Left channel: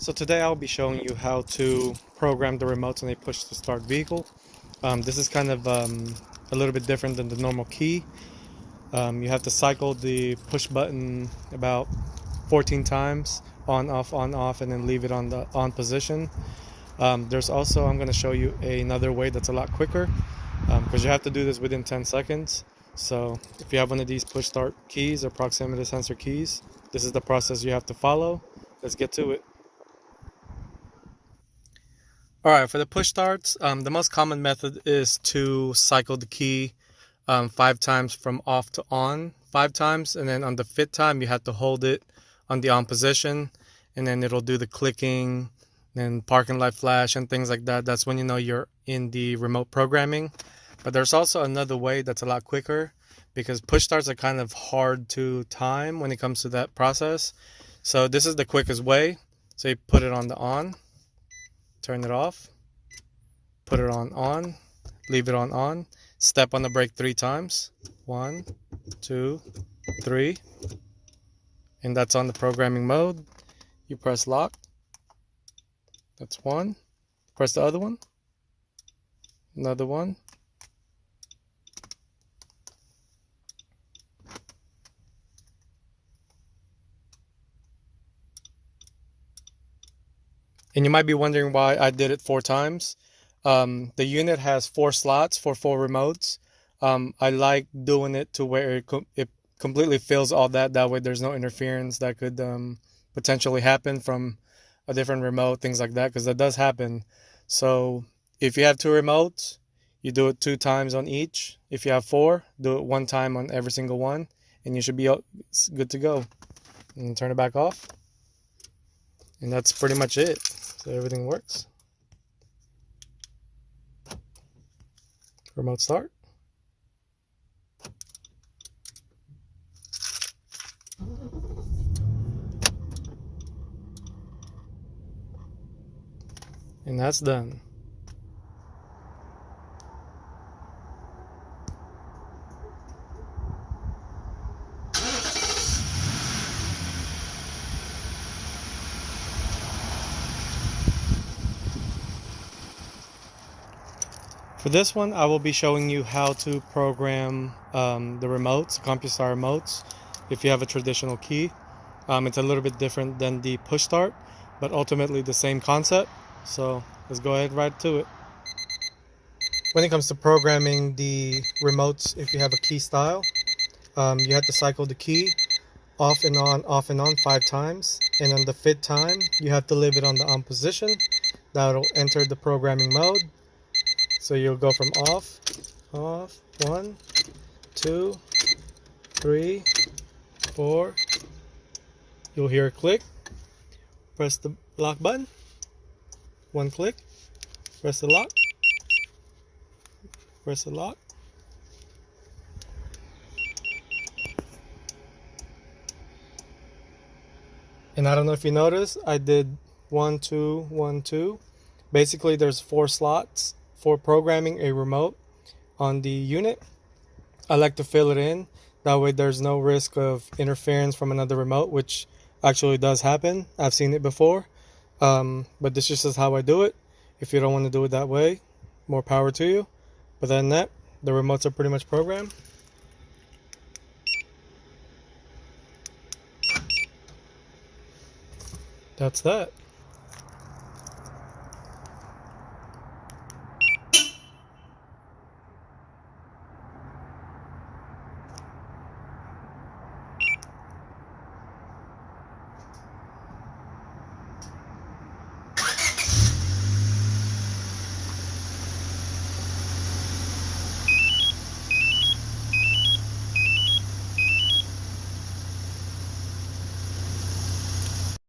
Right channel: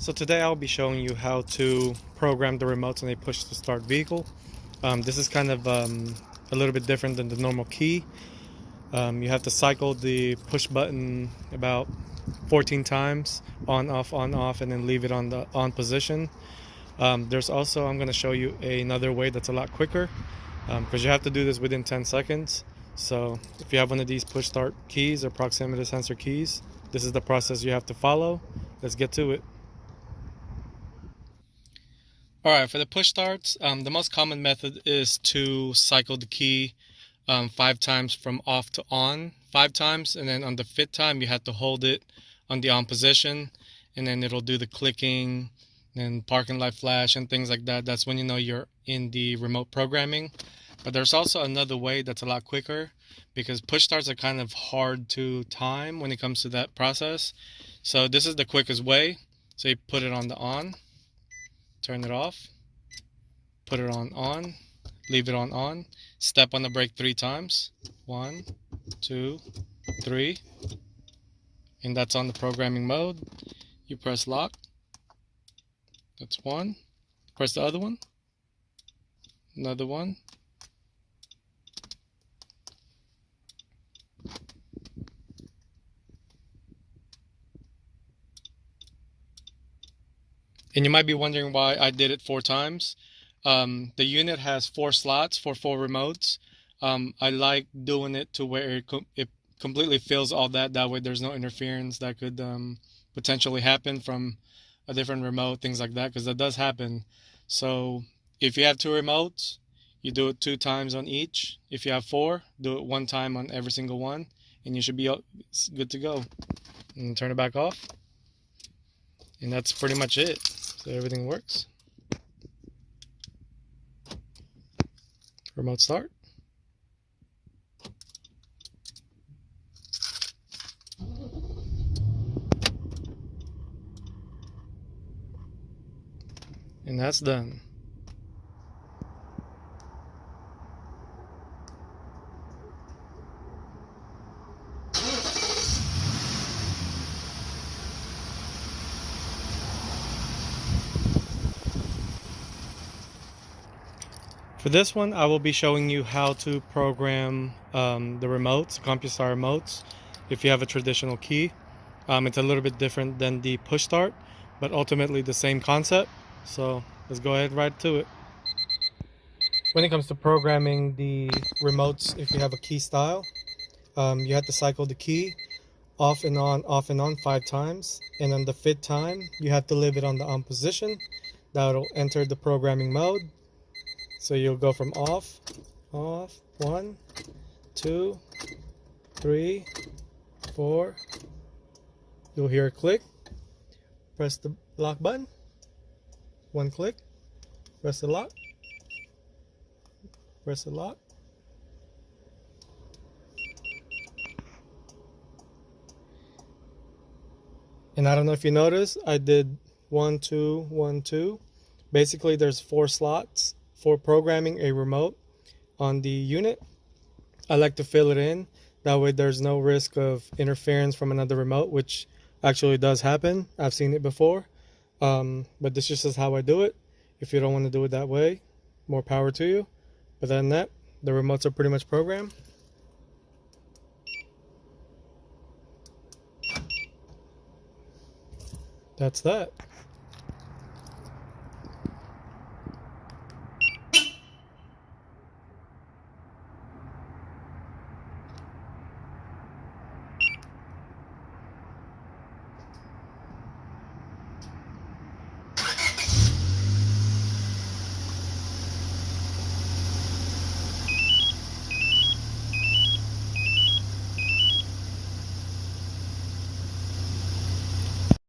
So today I'll be showing you how to program the remotes when they push to start vehicle. This is kind of a little bit different than the normal key. You have to cycle the push button about 14 times, on off, and then leave it on the on position. There's also, I'm going to show you another way that's a lot quicker, because you have to do this within 10 seconds. So if you have one of these push start keys or proximity sensor keys, this is the process you have to follow. Let's get to it. Alright, for the push starts, the most common method is to cycle the key 5 times from off to on 5 times, and then on the 5th time you have to hold it on the on position, and then it'll do the clicking and parking light flash and things like that. That's when you know you're in the remote programming. But there's also another way that's a lot quicker, because push starts are kind of hard to time when it comes to that process. So this is the quickest way. So you put it on the on, turn it off, put it on, leave it on, step on the brake 3 times, 1, 2, 3, and that's on the programming mode. You press lock, that's 1, press the other one, another one, and you might be wondering why I did it 4 times. The unit has 4 slots for 4 remotes. I like doing it to where it completely fills all that. That way there's no interference that could potentially happen from a different remote, things like that, because that does happen. So if you have 2 remotes, you do it 2 times on each. If you have 4, do it 1 time on every single one, and you should be good to go. And turn it back off. And that's pretty much it. So everything works. Remote start. And that's done. For this one, I will be showing you how to program the remotes, Compustar remotes, if you have a traditional key. It's a little bit different than the push start, but ultimately the same concept. So let's go ahead right to it. When it comes to programming the remotes, if you have a key style, you have to cycle the key off and on 5 times, and on the 5th time you have to leave it on the on position. That'll enter the programming mode. So you'll go from off, 1, 2, 3, 4. You'll hear a click. Press the lock button. 1 click. Press the lock. Press the lock. And I don't know if you noticed, I did 1, 2, 1, 2. Basically, there's 4 slots for programming a remote on the unit. I like to fill it in. That way there's no risk of interference from another remote, which actually does happen. I've seen it before. But this just is how I do it. If you don't want to do it that way, more power to you. But other than that, the remotes are pretty much programmed. That's that.